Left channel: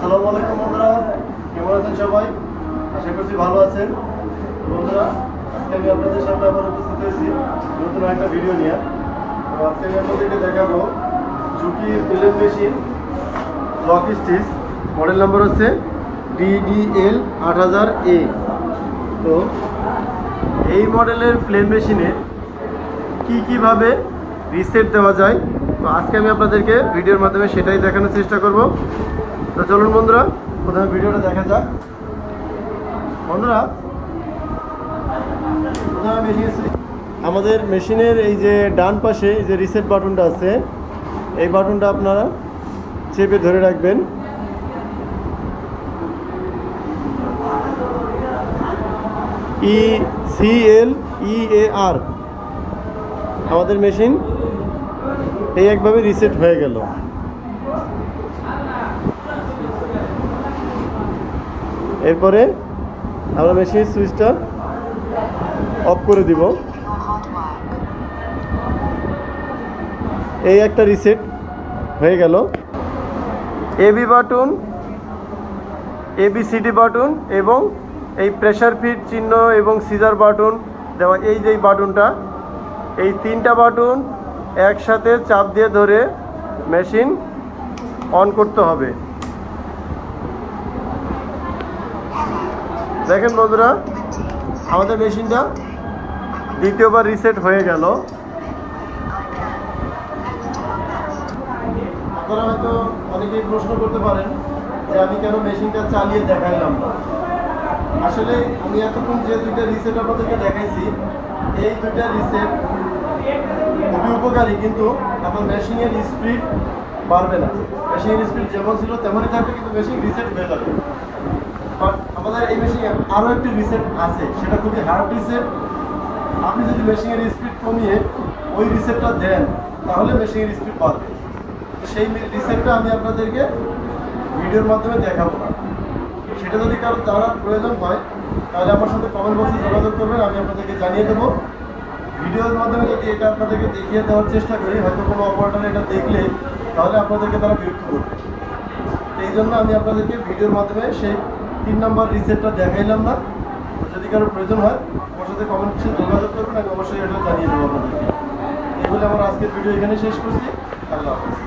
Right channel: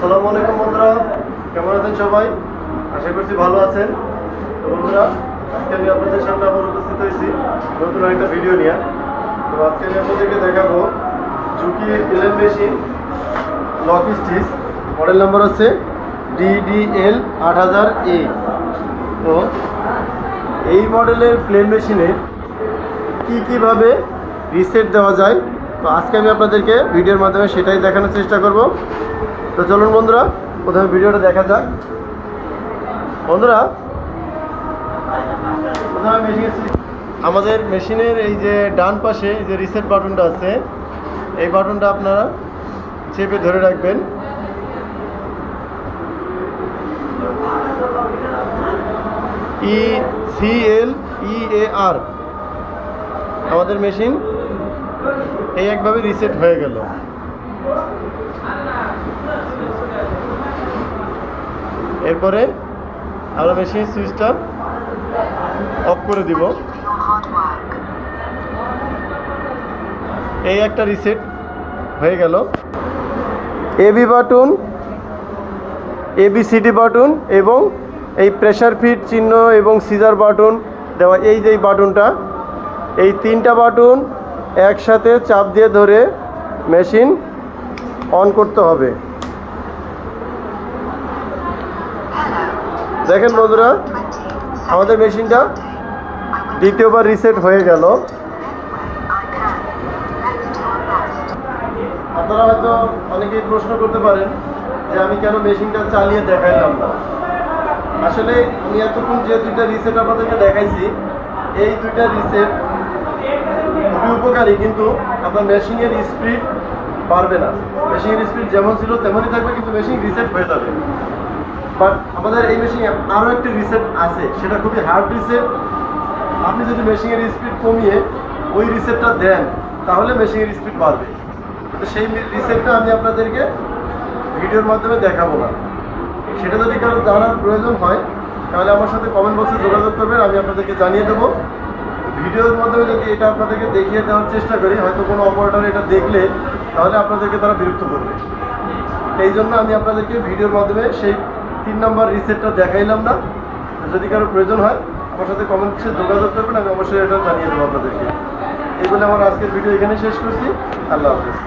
আসসালামু আলাইকুম বন্ধুরা। কেমন আছেন সবাই? আশা করছি ভালো আছেন। তো বন্ধুরা, আজকে আমি আপনাদের সামনে আবার উপস্থিত হয়েছি নতুন একটা ভিডিও নিয়ে। তো আজকে আমি আপনাদেরকে দেখাবো ঝুঁকি plain machine lock stitch. Model number হচ্ছে ডিডিএল আট হাজার এ তো এই মডেলের প্লেন মেশিনে কি কীভাবে রিসেট দেওয়া যায়? তো আজকে আমি আপনাদেরকে ভিডিওর মাধ্যমে সেটাই দেখানোর চেষ্টা করব। তো চলুন বন্ধুরা, প্রথমে ভিডিওটা দেখা যাক। বন্ধুরা আমাদের মেশিনের এই যে ডান পাশে এই যে রিসেট বাটনটা আছে, এই বাটনটা আপনারা চেপে ধরে রাখবেন। ই সি এল ই এ আর আমাদের মেশিন এই একভাবে রিসেট হয়ে গেল। এরপরে আমরা মেশিন সুইচটা অফ করে দিব। এই একটা রিসেট হয়ে গেল। এবি বাটন এবিসিডি বাটন এবং এই প্রেশার ফিট চিহ্ন এবং সিজার বাটন দেওয়া এই যে বাটনটা এই তিনটা বাটন একসাথে চাপ দিয়ে ধরে মেশিন অন করতে হবে। দেখেন বন্ধুরা, আমাদের মেশিনটা দ্বিতীয়বার রিসেট হয়ে গেল। আপনারা হয়তো অনেকেই প্রশ্ন করতে পারেন যে আমি কেন মেশিনটা চালিয়ে দেখাইলাম না। আসলে আমি এতক্ষণ যে দুইটা রিসেট আপনাদেরকে দেখাইছি, এই দুইটা রিসেট খুবই উপকারী, কিন্তু আপনার মেশিনের স্পিড বাড়বে না। মেশিনের স্পিড যেমন ছিল তেমনই থাকবে, কিন্তু মেশিন রিসেট হয়ে যাবে। বাট আমাদের এই মেশিনে আরও একটি রিসেট আছে, সেটা খুবই হার্ড রিসেট আপনি যদি মেশিনের স্পিড কমিয়ে ওই রিসেটটা দেন, তাহলে মেশিনের স্পিড বাড়বে। তো সেই রিসেটটা আমি আপনাদেরকে ভিডিওর মাধ্যমে দেখাবো না। সেটা যদি কারও জানার প্রয়োজন হয়, তাহলে আমার সাথে কমেন্ট বক্সে যোগাযোগ করবেন, আমি আপনাদেরকে জানিয়ে দেবো। ভিডিওর মাধ্যমে যদি এটা আপনাদেরকে দেখিয়ে দেওয়ার চেষ্টা করি, হয়তো কোনো অপারেটর এটা দেখলে, তাহলে আপনাদেরকে তারা বিরক্ত করবে। এই জন্য আমি আপনাদেরকে ভিডিওর মাধ্যমে সেই তিন নম্বর রিসেটটা দেখাইলাম না। যদি কারও প্রয়োজন হয়, আমার সাথে কমেন্টসে যোগাযোগ করবেন, আমি অবশ্যই এটা জানিয়ে দেবো আপনাদেরকে। এই বলে আমার আজকের ভিডিও এখানে শেষ করছি। আল্লাহ হাফেজ।